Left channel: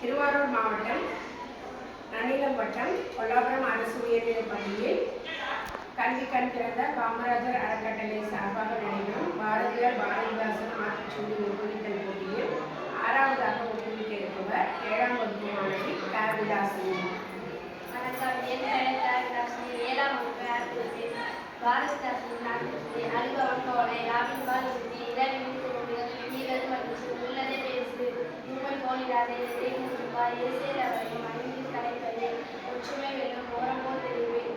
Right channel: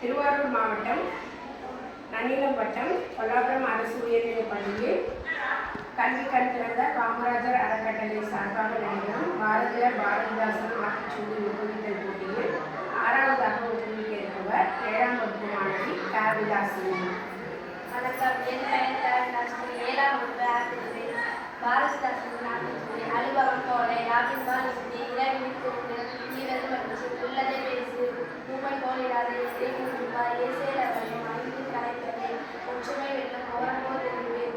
திருவாரூர் மாவட்டம் நன்னிலம் வட்டம் கொல்லாபுரம் அரசு உயர்நிலைப் பள்ளியில் கல்வி கண் திறந்த காமராஜர் அறக்கட்டளை சார்பாக நடைபெறும் பாரதியார் பாரதிதாசன் ஆத்திச்சூடி முகவித்தல் போட்டியில் 6வதாக ஒப்புவிக்க இருப்பவர் 7ஆம் வகுப்பு மாணவி காவிதாசினி. வணக்கம். என் பெயர் காவிதாசினி. 7ஆம் வகுப்பு ஆசிரியர். பாரதிதாசனின் ஆத்திச்சூடி அனுபவம் போல யாவின்பால் இருந்து இரவினிற்கு உங்கள் ஈரது மகிழ்ச்சி உள்ளதை பேசு மூமை போலிடாதே எதைப்பார் ஏசேரவையும் அறிவின் கலைப்பதே ஒற்றுமை வெல்லும் ஓரமோ தெரிவேன்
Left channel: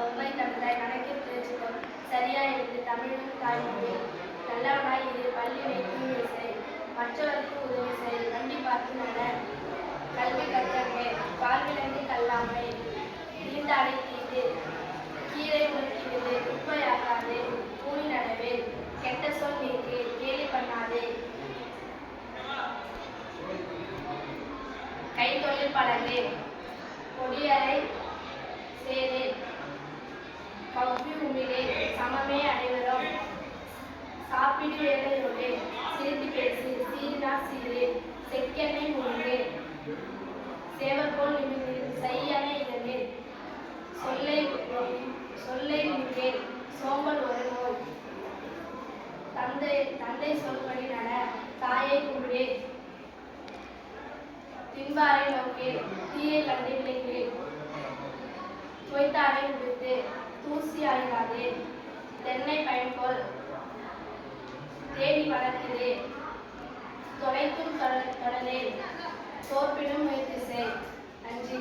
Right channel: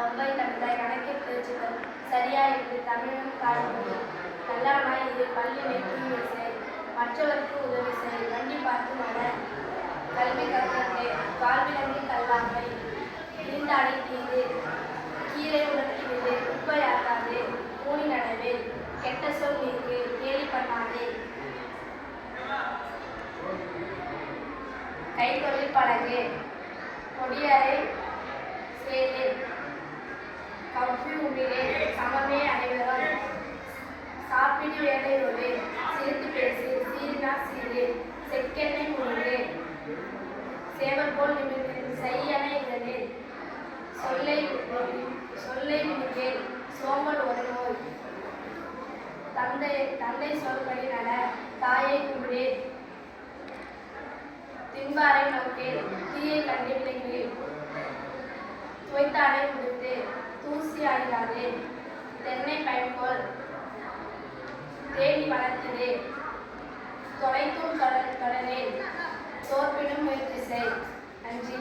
அவ்வை தமிழாய் கணக்கிற்கு சித்தம் சரியாயிருந்து தமிழும் காய்மொழி நல்லவனாய் இது பள்ளி வைக்கும் இசை மற்றவருக்கு உதவி செய் வண்டி பார்த்து நட கல்வி கற்கே வாழ்விலங்கி கல்லாமை நீண்டாடை தீது கீரை உணர்த்திவிடு குப்பையாக்காது ஊனி நடவே கெட்ட சொல் நீக்கு கேலி பண்ணாதே கைத்தொழில் பழகு கொடியரை சேரே கவ்வி உமிழே சமமே அனைவரும் சாப்பிடு வேலையோடு சிரித்து பேசு சீரினா சீரே செக்கெண்ணெய் முழுங்கு சேவல் போல் நிமிர்ந்து செய்யன இதனே சொல்லை நின்றேன் சோம்பல் ஒரு நோய் தந்தை சொல்படி நட தாயை கும்பிடே தின்பாரை நோக்கேன் தீயை கண்டு விளைகிறேன் துவைத்தாடை உடுத்து தூசி ஆகிறாதே தென்னை பயன்கொள் தேடி வளர்க்கிறே தொலைத்தும் தொடரேன் தோற்பினும் முயற்சி செய் நன்றி.